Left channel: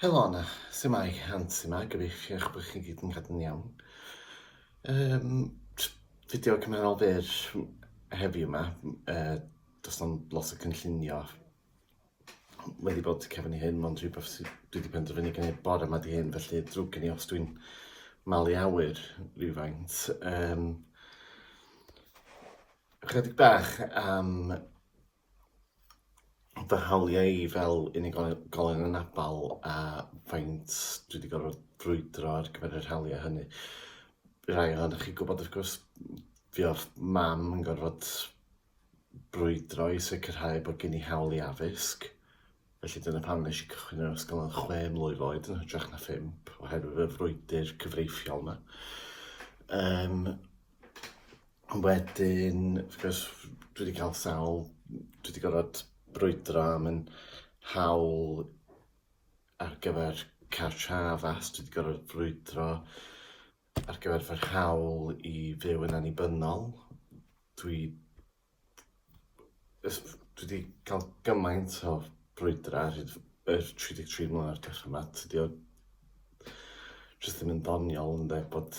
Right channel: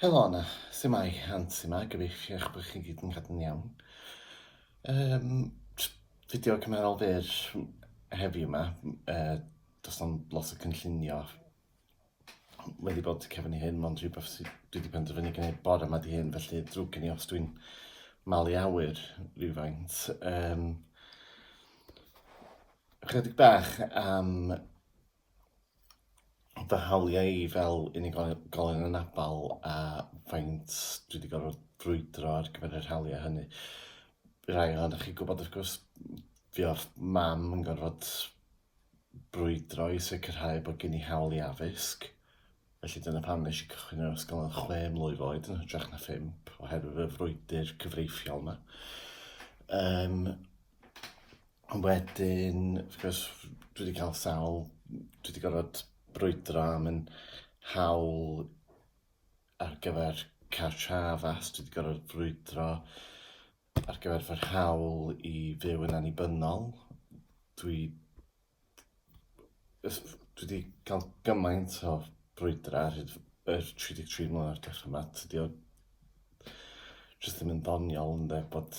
Helo Anna, sut mae Hans yma, gyfeilliach bod chi gyd yn cadw'n iawn. Fideo cymerol byr heddiw yma, does na'm lot o cynllunio wedi bod cefn i hyn, ond rhywbeth sydd dwi wedi penderfynu gwneud bore yma di hyn, felly drwg gen i os dwi'n malu awyr rhywfaint. Chydig bach am fy hawliau i fel unigolyn yn Abal a faint dwi wedi gorfod brwydro ar gyfer yr hawliau hynny. Rai ohonoch chi gwybod, wrth gwrs, fi o'r mam yn gorfod brwydro i sicrhau bod gen i hawl i addysg. Felly dyna pam nes i cychwyn yr ysgol yn 6 mlwydd oed, yn hytrach na 5, oherwydd y frwydr cyfreithiol yma. Wedyn, wrth gwrs, dwi wedi cael sawl, dwi wedi gorfod brwydro am yn hawl ar gyfer cartra addas, dwi wedi gorfod brwydro ar gyfer fy hawl i fyw yn annibynnol. Dwi wedi cael gymaint o brwydro ar y 33 mlynedd diwethaf yma. Tydi o jyst ddim yn ddoniol ynde, bod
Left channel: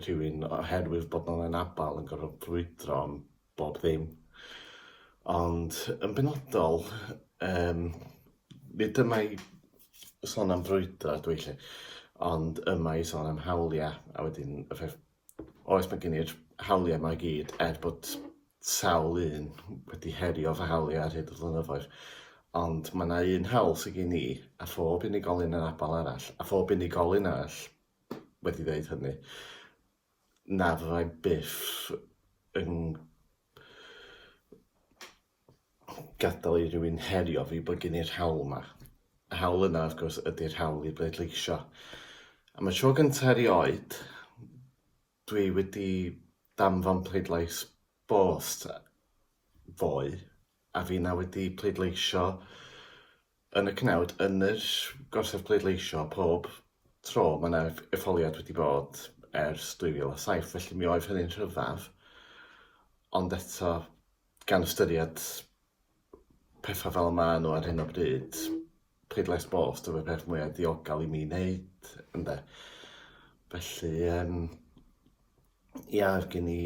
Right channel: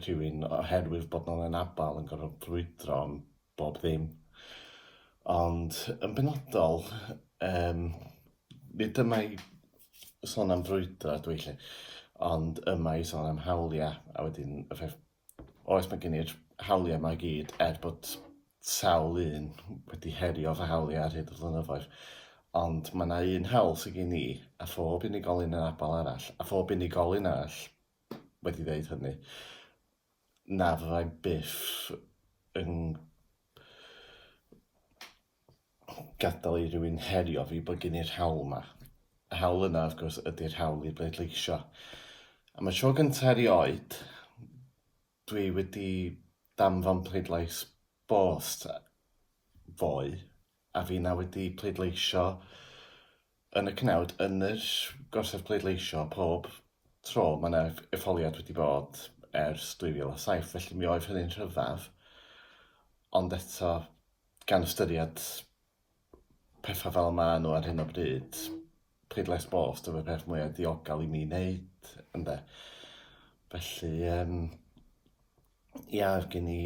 rhywun oherwydd bod nhw'n anabal yn gorfod brwydro am bob ddim. Ond yn benodol, nid yma i sôn am frwydro dwi lle, ond yma i sôn am hawliau, a wedyn y ffaith, oes mae gen i'r hawliau yma i gyd, bod sawl un wedi herio fy hawliau ar hyd y flynyddoedd. Ond mae yna un hawl sydd gen i, a phob unigolyn yn Abal arall, a phob unigolyn arall wedi dweud hynny, na fyddai byth yn gadael i rywun herio fi bod gen i'r hawl yma. Y hawl yna, wrth gwrs, ydy'r hawl i bleidleisio. Am y tro gyntaf erioed, dwi wedi danfon pleidlais bost fwy, a fi na wedi pleidleisio yn y cnawd, yn yr gorsaf pleidleisio pob tro. Mae yna etholiad wedi bod ers 2007, felly mi oedd hynny'n rhyfedd. Ond eto, gan ystyried pethau fel yma nhw ar hyn o bryd, pleidlais bost yw y peth mwyaf diogel i mi wneud, ynde. Felly, ia, gen i,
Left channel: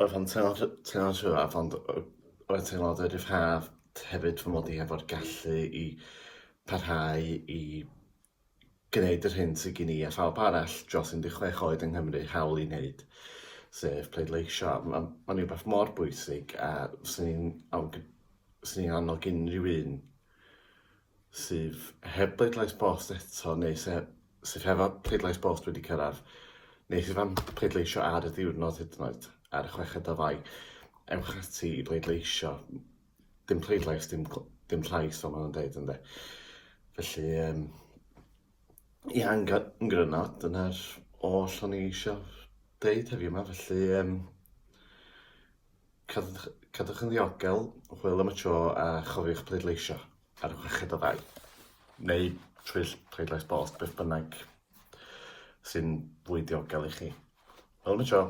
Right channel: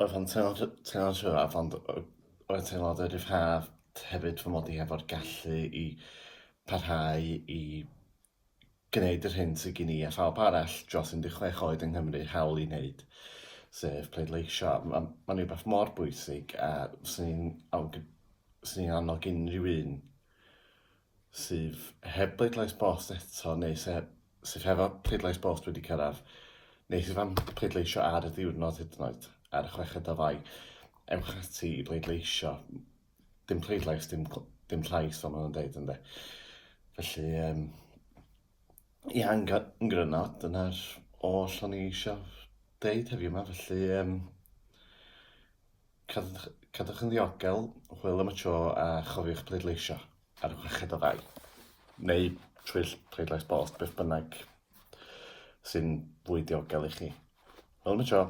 oedd o'n teimlo'n rhyfedd, ond oedd teimlo'n rhyfedd hefyd fy mod i efo'r gallu i parhau i gwneud yr hyn sydd gen i a phawb arall dros 16 oed yng Nghymru hawl i wneud, sef pleidleisio. Mae'n rhywbeth mor bwysig, a sy'n ni'n annog unrhyw un sydd heb pleidlais bost eto, neu sydd hefo pleidlais bost wedi cyrraedd, neu sydd am pleidleisio ar y diwrnod hyd yn oed, ar y 6 o Fai, ewch ati i bleidleisio. Dim pleidlais, dim llais, fel maen nhw'n dweud, ynde. Felly, ia, yn gryno, dyna'r oll o'n i eisiau deud heddiw yma. Felly, cadwch yn ddiogel, hwyl am y tro, a chofiwch pleidleisio ar y 6 o Fai. Neu trwy pleidlais bost, beth bynnag sy'n fwy diogel i chi. Hwyl am y tro.